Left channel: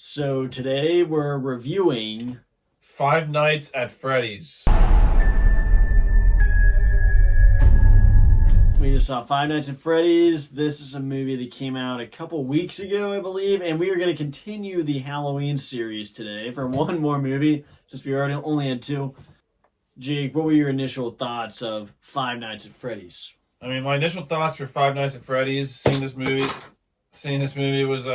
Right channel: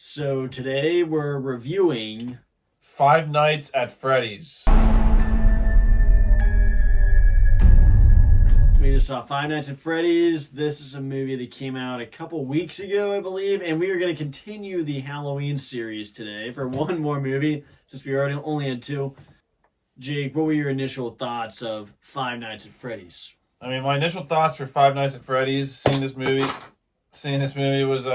So today we're reviewing Five Nights at Freddy's. We just saw Five Nights at Freddy's. This is a movie that came out a couple weeks ago, I believe, and we are going to continue the Halloween series today for one more movie, since we already only had two. Jake, what were your initial thoughts of Five Nights at Freddy's? I mean, my initial thoughts for Five Nights at Freddy's, seeing this movie was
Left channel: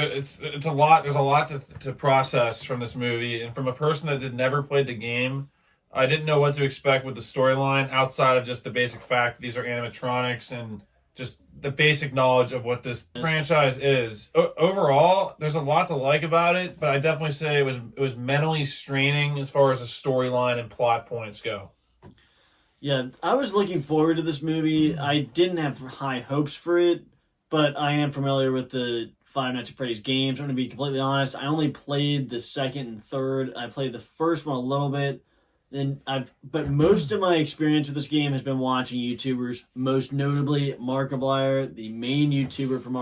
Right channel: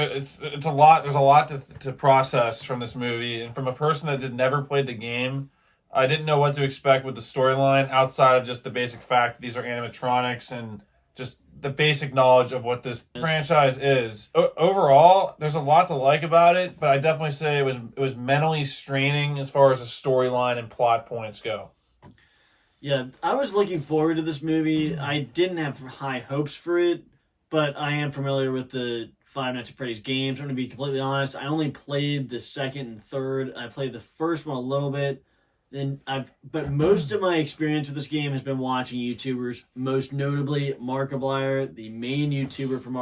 it's a lot. There's a lot to process from this movie, and from a person that had never played the game, I didn't know what to expect with the storyline outside of just the basic fact that these are animatronics and just the basic knowledge of what this franchise is. Overall, there's a lot to like about it, but I definitely say it was mentally straining as far as the storyline and plot points go. Yeah, I was looking forward to this movie. I didn't have high hopes for it, but I am familiar with the Five Nights at Freddy's games. I'm going to be completely honest. I only played the second and third. I played the first one a little bit. But most of my experience with this game has been watching YouTubers, most notably Markiplier, the main YouTuber from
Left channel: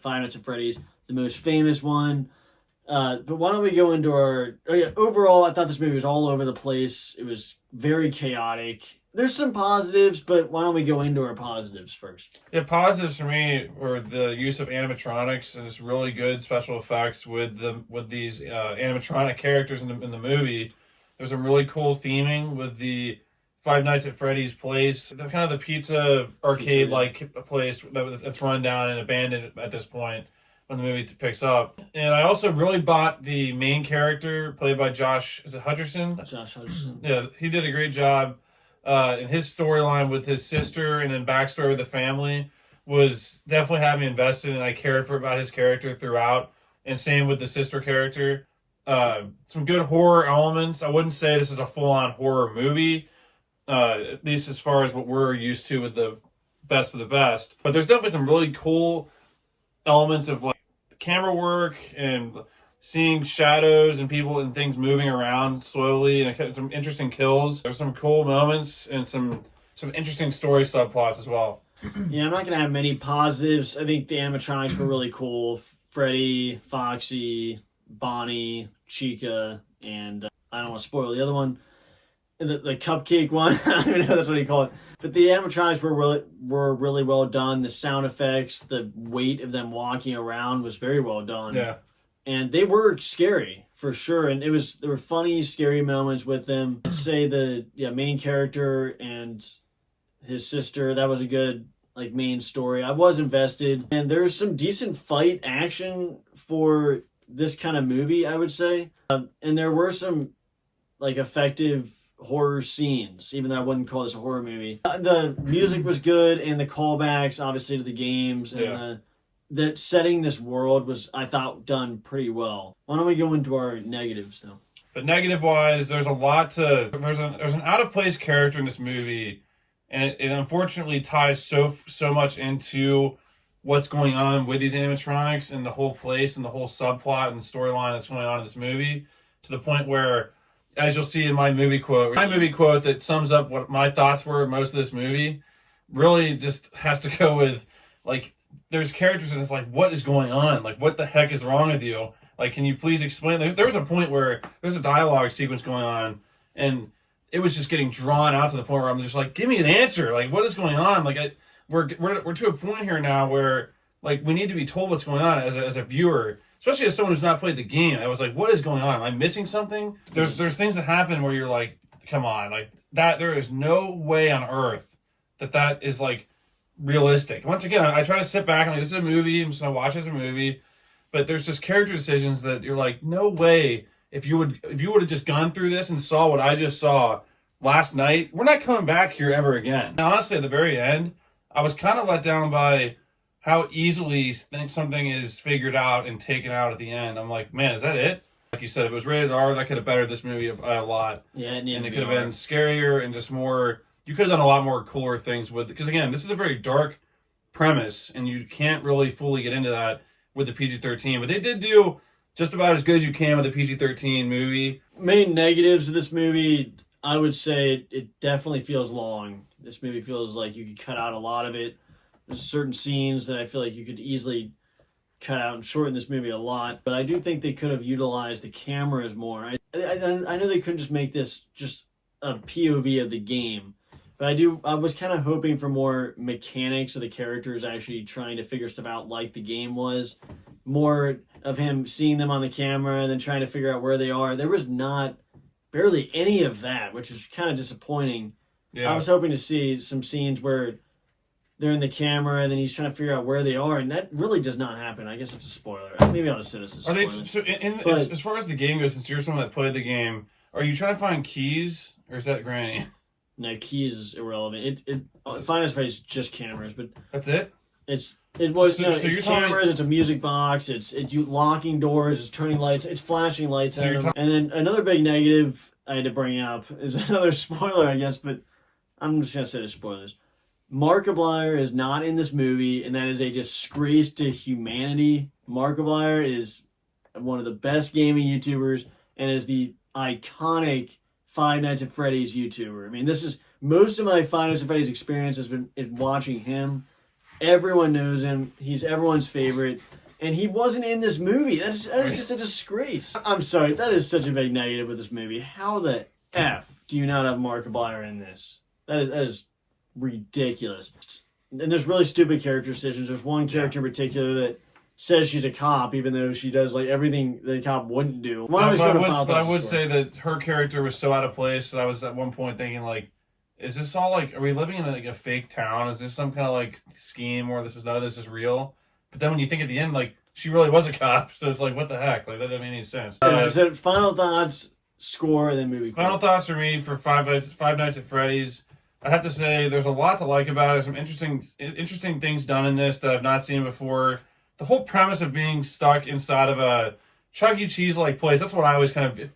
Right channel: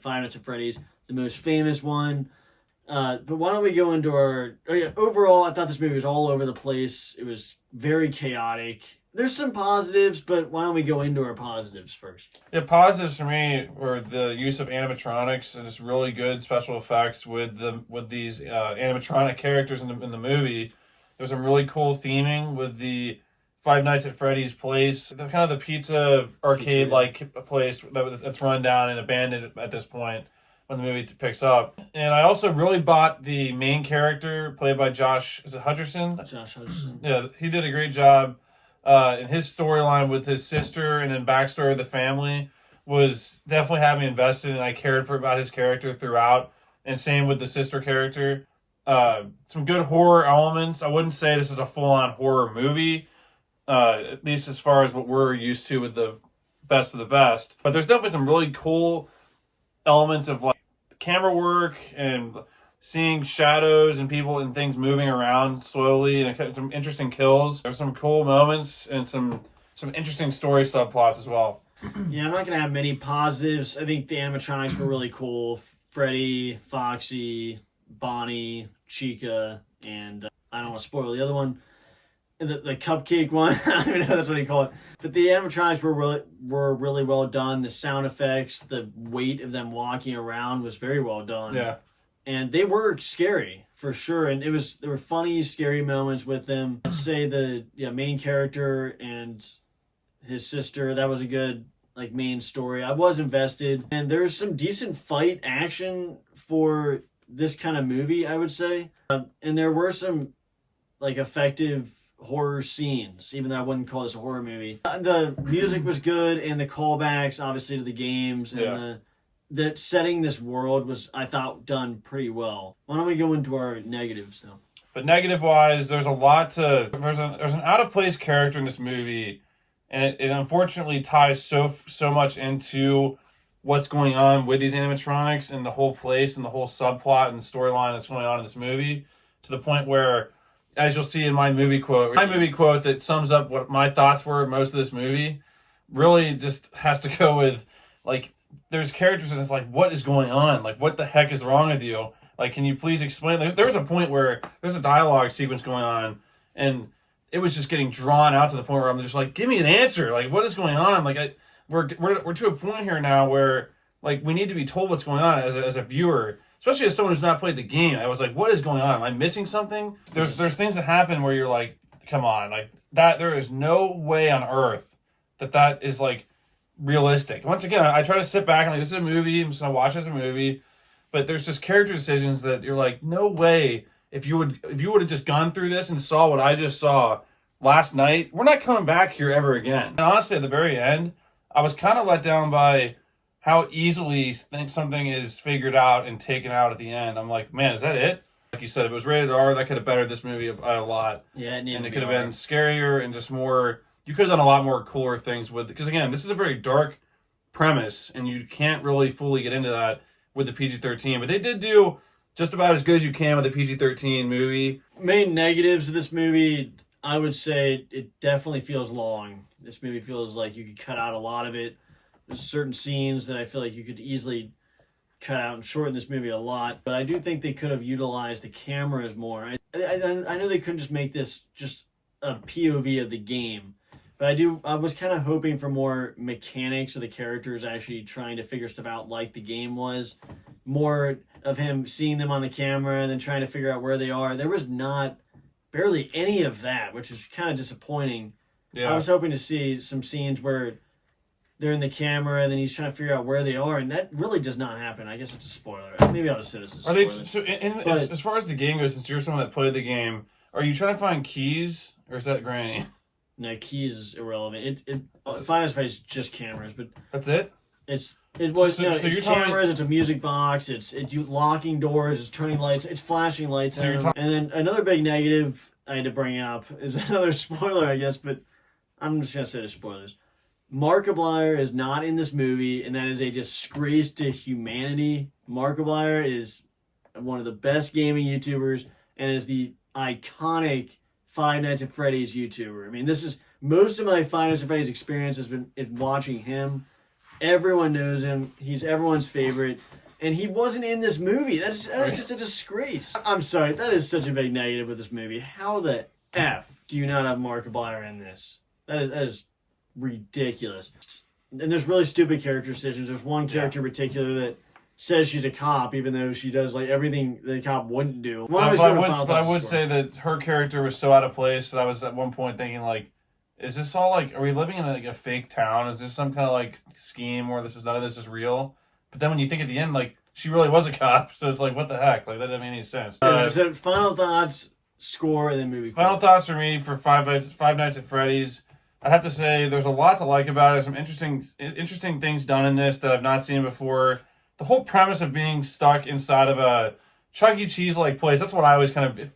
Five Nights at Freddy's, the most famous one. But why don't we go into overall, I thought this movie was all over the place. It was very chaotic. There's some positives, but why don't we go into our positives first? Yeah, positives for me were the use of animatronics and just really good special effects with these animatronic characters in the movie. There's some really cool theming with the Five Nights at Freddy's place, kind of the pizza arcade-like place that's run down and abandoned at this point when the movie picks up. And I also really bought the main character played by Josh Hutcherson. Josh Hutcherson. Yeah, he did a great job. And his storyline with his sister and then backstory with the family was definitely had me invested, and I cared about his character throughout. And same with the sister character. Some good horror elements. I wouldn't say this is a full-on horror movie, at least as far as what we're used to with the best of the best. But there's definitely some really cool elements of like camera work and seeing shadows and people and things moving around slowly, and some interesting kills. There's some cool moments and some interesting story subplots as well. Yeah, I'm not going to have many positives. I think the animatronics were really cool. Freddy, Foxy, Bonnie, Chica, and I don't want to spoil the other one. The cupcake one. I don't even know that's what you call it. But the animatronics were really well done. The sound effects, the weight of them walking around was very well done. Yeah. And they were scary for sure. And there were funny, scary moments with them. I'd say the main character and his sister, that was a good main story. I was invested. And there's some decent fight action for this kind of movie, I would say. And there were some effective horror scenes, even though I wouldn't call this a horror movie. The music was good, and the callbacks obviously to the games, and that setting this world was, I thought, done pretty well. Why don't we go into our negatives though? But negative wise, there's there's an out of place character in this movie, and it unfortunately ties so much into what's going on with these animatronics and the whole place and the whole subplot and storyline that's going on in this movie, to the point where, as you'll see in my movie quote that sums up what my thoughts were most of this movie, really just has to go with, there's characters and it's what is going on? What the heck is wrong with you? Can you please explain? There was a point where there's a dialogue sequence going on, and it was just getting drawn out to the point where I'm just give me an answer. What is going on? We're to a point here now where we need to be told what's going on as a viewer, especially as someone who's not played the game. I was what is going on? Am I missing something? There's things that happen where you're come on, that there is no way on earth that is realistic. Once again, I try to sit back and this is a movie, I'm just gonna watch it as a movie, but there's just character decisions that you're no way, if you would have just gone through this and saw what I just saw last night, we're not coming back here ever again. And honestly, at the very end, I was kind of let down by how easily something is figured out and taken out at the end. I'm man, is that it? Like you said, if it was rated R, that could have bettered this movie a lot. Yeah, and it could have been scarier and just more. You could have done a lot more cooler things with it. Because again, this is a very dark premise, and you can't really fully get into that with the PG-13. But they did do just about as good as you can with the PG-13 movie. Main negatives of this movie, I would say it definitely feels long. This movie feels like you could cut out a lot of it. There's certain scenes that I feel like you could easily cut out and shortened this movie a lot. But I do think they could have utilized the cameras more. I know they couldn't just make this just a POV of the game, but I was kind of hoping for more mechanics of the characters actually trying to figure stuff out like the game was. More of him seeing them on the camera and then trying to figure out where they are. There was not barely any of that, which is kind of disappointing. Yeah. I was hoping to see some scenes where they're in the camera and then he's trying to figure out where they are, and that really does not happen. I guess it's a spoiler. Maybe I'll just say this is a spoiler. As far as the game goes, since you're someone that played the game, are you trying to find keys, or is that Granny? No, keys is irrelevant. Final Fantasy is just cameras, but that's it. It's cameras. It's a music box. It's locking doors. It's turning lights. It's flashing lights at them. And then another big negative I had to bring up is another spoiler, I guess, but I'm just gonna say the spoilers. Markiplier is not in this movie, and that is a disgrace to humanity. Markiplier is one of the best gaming YouTubers and is the iconic Five Nights at Freddy's YouTuber. I mean, this is most of my Five Nights at Freddy's experience has been watching him. Everyone knows him. He's everyone's favorite. And he wasn't in this movie. That is just a disgrace. I'm sorry. That is such a big negative with this movie. How the F do you not have Markiplier in this? That is ridiculous. And there's really stupid character decisions. There's one character in particular that says she's a cop, even though she does like everything that a cop wouldn't do. I would say that her character was so out of place that I was at one point thinking, like, is this all like, are we living in like a fake town? Is this some kind of like scheme where none of this is real? But then when you think at the end, like, she really was a cop, so it's like, what the heck? Like, that doesn't make any sense. So final thoughts, score, and then movie. Final thoughts for me for Five Nights at Freddy's. I'd have to say there's a lot to like about it. Some interesting things done in this that I've not seen before. The whole premise of being stuck inside of a Chuck E. Cheese-like place, that's what I always kind of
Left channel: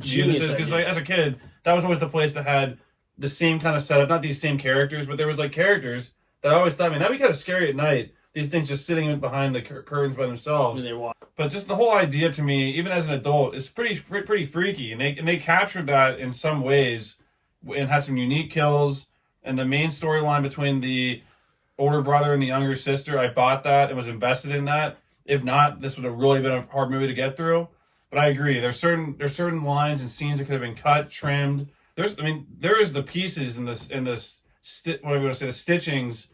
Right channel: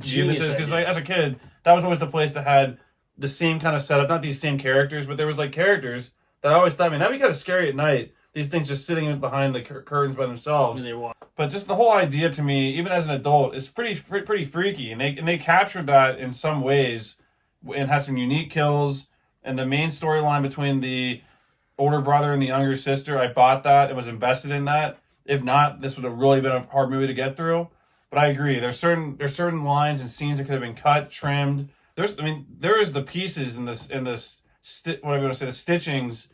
genius. Because like, as a kid, that was always the place that had the same kind of setup, not these same characters, but there was like characters that I always thought, man, that'd be kind of scary at night. These things just sitting behind the curtains by themselves. But just the whole idea to me, even as an adult, is pretty freaky. And they captured that in some ways and had some unique kills. And the main storyline between the older brother and the younger sister, I bought that and was invested in that. If not, this would have really been a hard movie to get through. But I agree. There's certain lines and scenes that could have been cut, trimmed. There is the pieces in this what I'm going to say, the stitchings,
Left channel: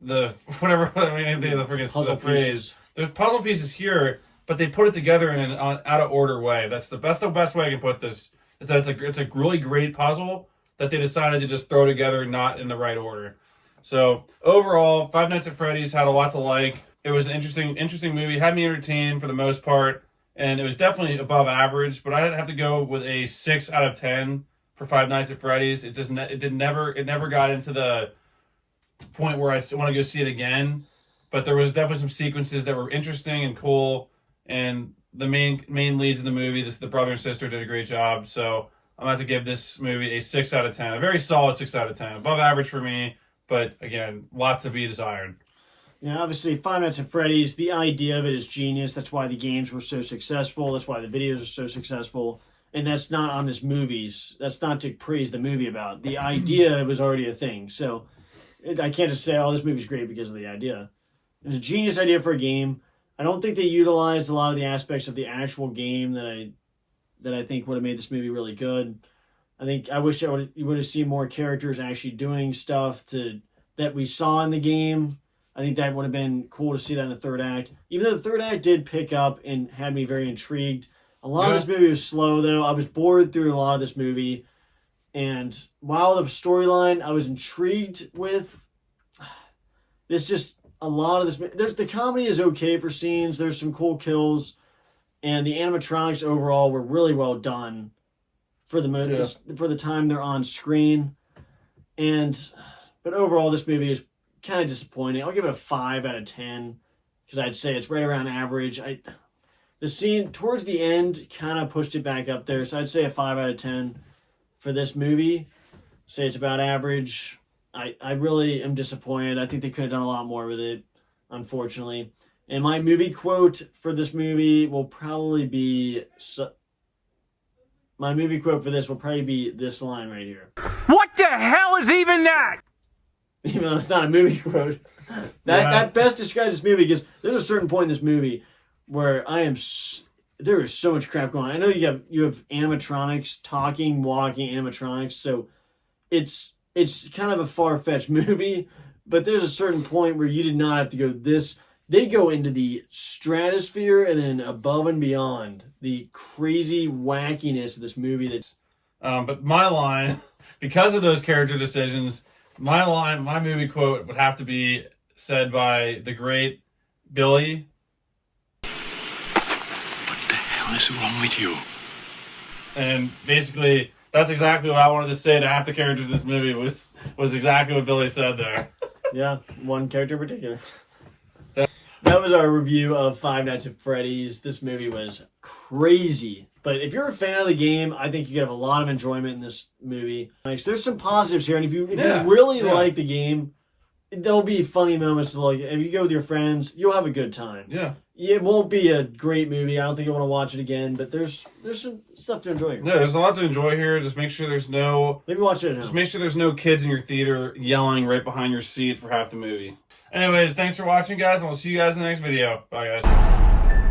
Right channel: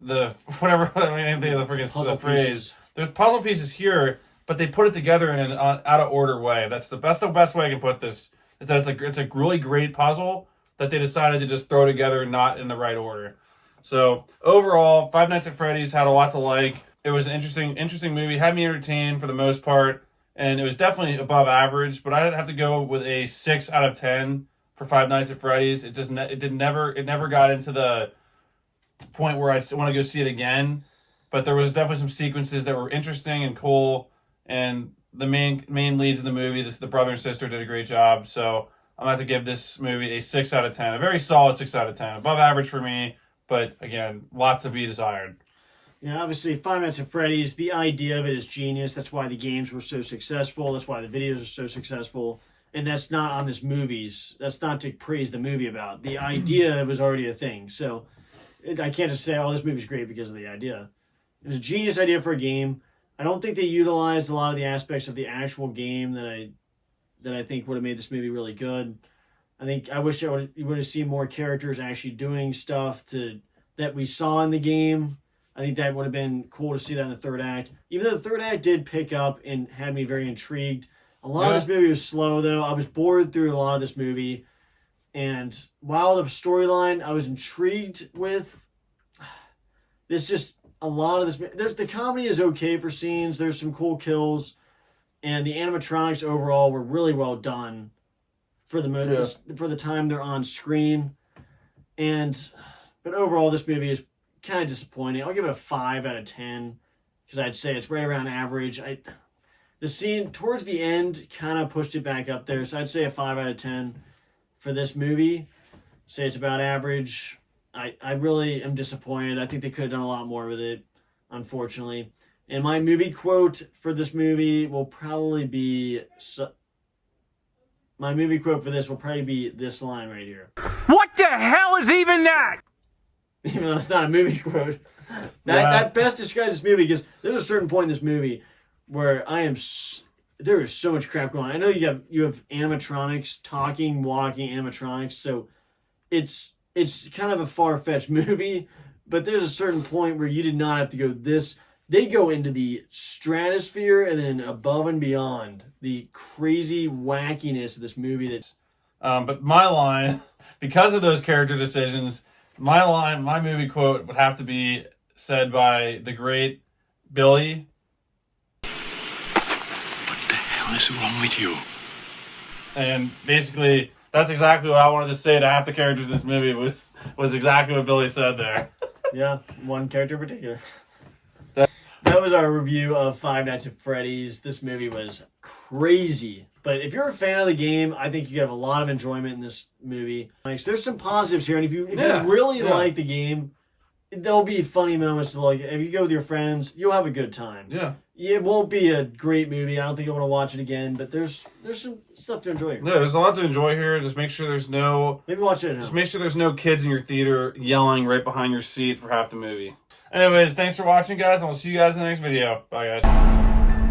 the freaking phrase. There's puzzle pieces here, but they put it together in an out of order way. That's the best way I can put this. Is that it's a really great puzzle that they decided to just throw together not in the right order. So overall, Five Nights at Freddy's had a lot to like. It was an interesting movie. Had me entertained for the most part, and it was definitely above average. But I'd have to go with a 6 out of 10 for Five Nights at Freddy's. It never got into the point where I want to go see it again. But there was definitely some sequences that were interesting and cool, and the main leads in the movie, the brother and sister, did a great job. So I'm going to have to give this movie a 6 out of 10. A very solid 6 out of 10. Above average for me, but again, lots to be desired. Yeah, obviously, Five Nights at Freddy's, the idea of it is genius. That's why the games were so successful. That's why the videos are so successful. And that's not on this movies. That's not to praise the movie about. The idea was already a thing. So I can't just say, oh, this movie's great because of the idea. It was a genius idea for a game. I don't think they utilized a lot of the aspects of the actual game that I think would have made this movie really good. I wish you would have seen more characters actually doing stuff that we saw in the game. I think that would have been cool to see that in the third act. Even though the third act did pick up and had me very intrigued. A lot of this movie was slow, though. I was bored through a lot of this movie. And while the storyline I was intrigued with, there's just a lot of this. The comedy is okay for scenes. There's some cool kills. And the animatronics overall were really well done for the time they're on screen. But overall, this movie is kind of disappointing. I'll give it a 5 out of 10 because I'd say it's right around average. The scene towards the end kind of pushed it back up there, so I'd say a 5 out of 10 for this movie. Say it's about average. I really am disappointed. I think they could have done a lot more with it, unfortunately. And my movie quote for this movie will probably be... My movie quote for this will probably be this line right here. What the hell is even that? Even though it's not a movie quote. That best describes this movie because there's a certain point in this movie where there is so much crap going on. I know you have animatronics, talking, walking animatronics, so it's kind of a far-fetched movie, but there's a certain point where you did not have to go this. They go into the stratosphere and then above and beyond the crazy wackiness of this movie. But my line, because of those character decisions, my movie quote would have to be said by the great Billy. What the hell is wrong with you? And basically, that's exactly what I wanted to say to half the characters in this movie was exactly what Billy said there. Yeah, one character in particular. That was our review of Five Nights at Freddy's. This movie was crazy. But if you're a fan of the game, I think you could have a lot of enjoyment in this movie. Like, there's some positives here, and if you really like the game, there'll be funny moments to like. If you go with your friends, you'll have a good time. Yeah. It won't be a great movie. I don't think you'll want to watch it again, but there's some stuff to enjoy. Yeah, there's a lot to enjoy here. Just make sure there's no... Maybe watch it at Just home. make sure there's no kids in your theater yelling right behind your seat for half the movie. Anyways, thanks for watching, guys, and we'll see you guys in the next video. Bye, guys.